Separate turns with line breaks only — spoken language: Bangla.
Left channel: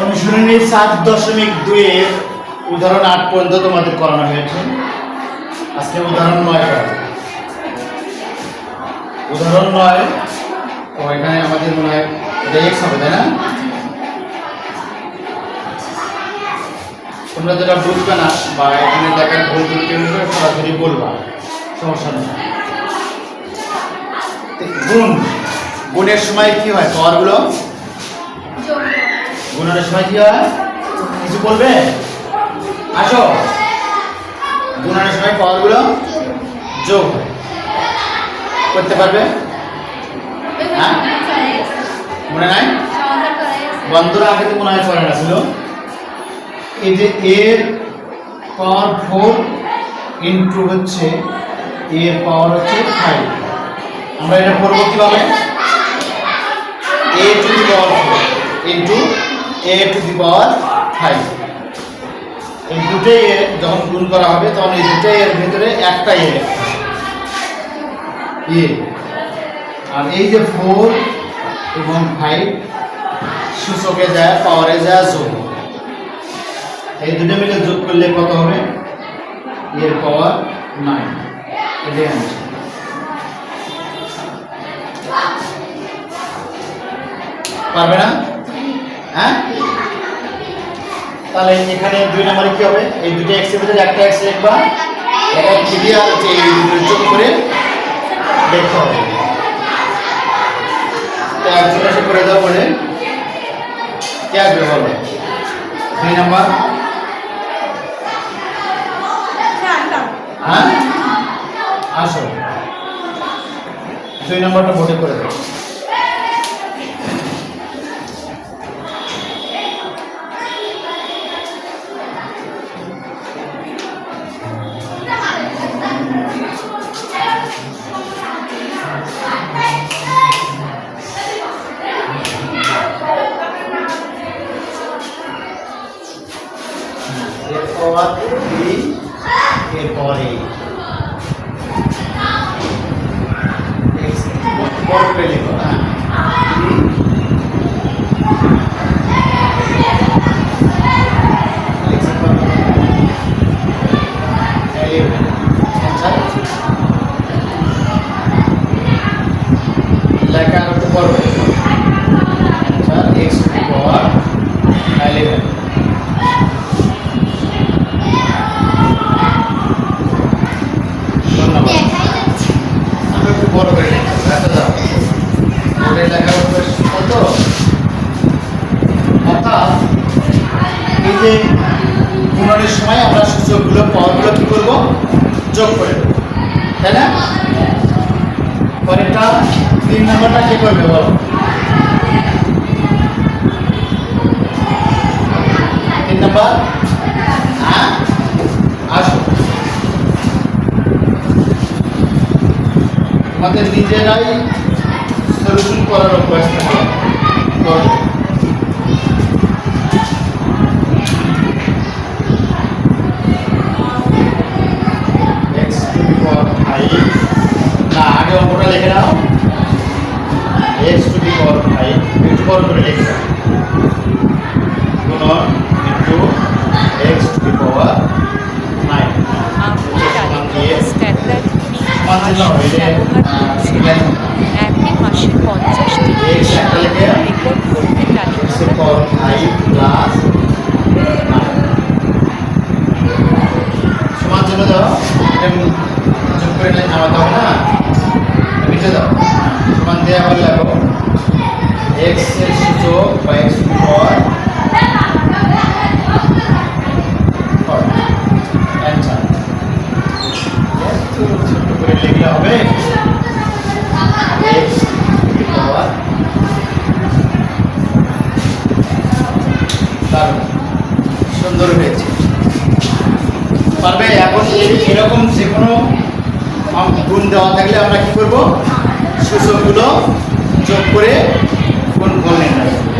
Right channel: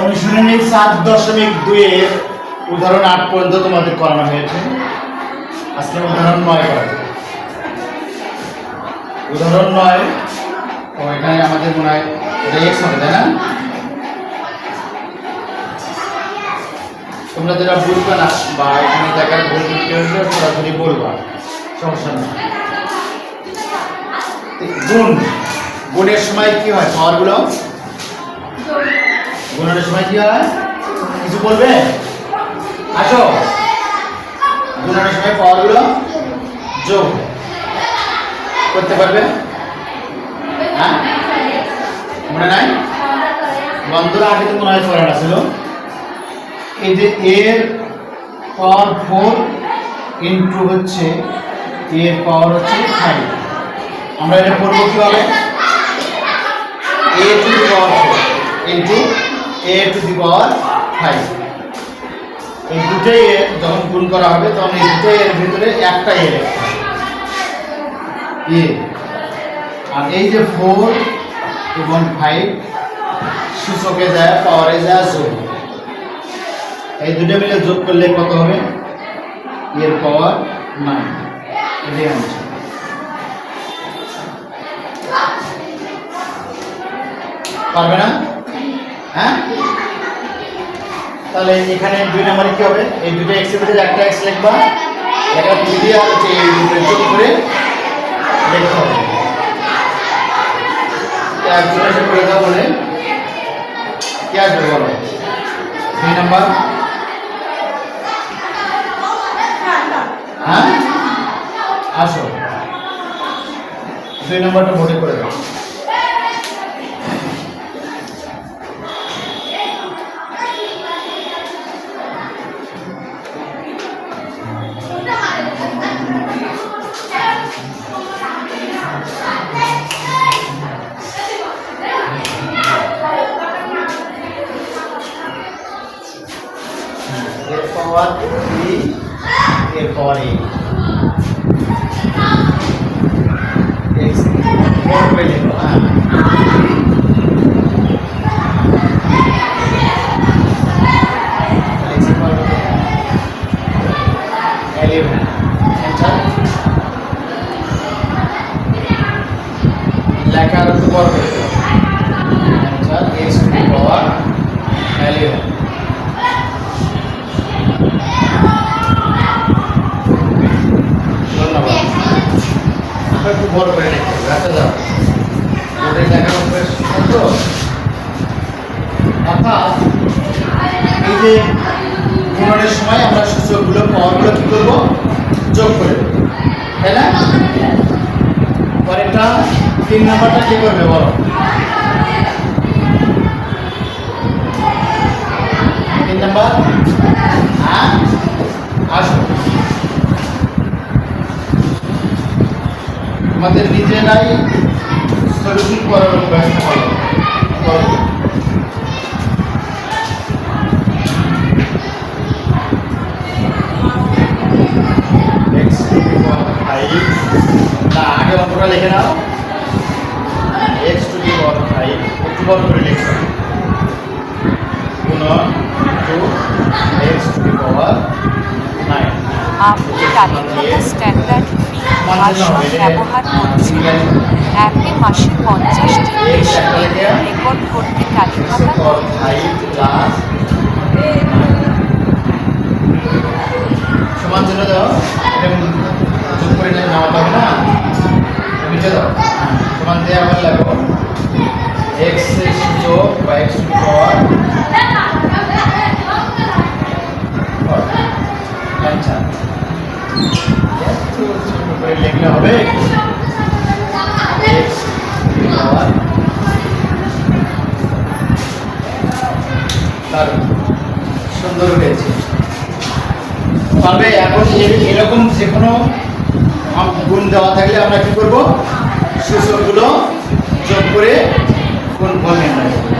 অনুশীলনী সাত দশমিক দুইয়ের উদাহরণ আট পর্যন্ত তোমাদের করানো হয়েছে। আজকে উদাহরণ নয় করা উদাহরণ নয় তো এখানে আমাদের মনে হয় এটা এক্স হবে, তাই না? তোমরা যেটা বুঝবে না, বা এখানে দেখার ভুল ত্রুটি হলে সরাসরি বলবা। সমস্যা নেই। গুণ। গুণের সময় কি হয়? পাওয়ারগুলো গুণনের সময় কি হয়? কিছু বলবে? আসো। গুণনের সময় পাওয়ারগুলো যোগ করতে পারবে। হ্যাঁ? মনে নাই? বন্ধুরা, আগে তো মনে হয় পড়াটা ছিল। এই যে এর পাওয়ার ফোর ইন্টু হচ্ছে এর পাওয়ার হচ্ছে ফাইভ আমরা এটা করব কীভাবে? A to power four into A to the power five এই দুটোই এ যখন গুণ করা হবে, তখন এই দুটোই এর ভিতরে একটা এ আর এই যে ফোর এবং ফাইভ সূচকে যায় পাওয়ারে যায়, যোগ। এই দুটো মিলে যোগ করলে কত হবে? এর পাওয়ার নাইন এটাই আনসার পারবে না? হ্যাঁ? তাহলে এখানে দুই নম্বরে কি হবে? এই দুটো এক্সের ভিতরে একটা এক্স লিখবা। এটা থ্রি আর হচ্ছে যোগ করে দেখতে হবে। তো একজন করে দাও বলে। কে আসবে বলো? দুই নম্বর। হ্যাঁ? আসো। দুই নম্বরটা ভোটে করে দাও। এর পাওয়ার থ্রি এর পাওয়ার এইট এক্স বড় করে লেখো হ্যাঁ এক্সের পাওয়ার এলেভেন অ্যান্সার লেখা করতে পারবে answer x to the power eleven ধন্যবাদ আমরা একটু বড় করে লিখতে হবে আচ্ছা যাও বোর্ডে লেখার অভ্যাস কত অর্থাৎ যে গুণনের সময় আমরা সূচকগুলো পাওয়ারগুলো কী করব? যোগ করে তাই না? পরেরটা তিন নম্বরটা কে করবে বলো? তিন নম্বর? হ্যাঁ? আসো। আমাদের নিজেরাই সলিউশন করার অভ্যাসটা হবে না আগে অঙ্কটা লিখে নাও। X to the power five একটু বড় করে লিখবে গুণন into to the power nine
আপনি তালিকাটা স্ট্যান্ডার্ড ফি ভাষণ ব্যবহার করছেন। অ্যাপে মাসে পঞ্চাশটি বেশি রেকর্ড করতে তালিকাটা
পাওয়ার এক্স টু পাওয়ার ছোট করে লিখলে সুন্দর হয়েছে। পারবে, এখন এরকম যে কোনো গুণ দেওয়া থাকলে আমরা কি করব? সূচকগুলো যোগ করে ফল নির্ণয় করব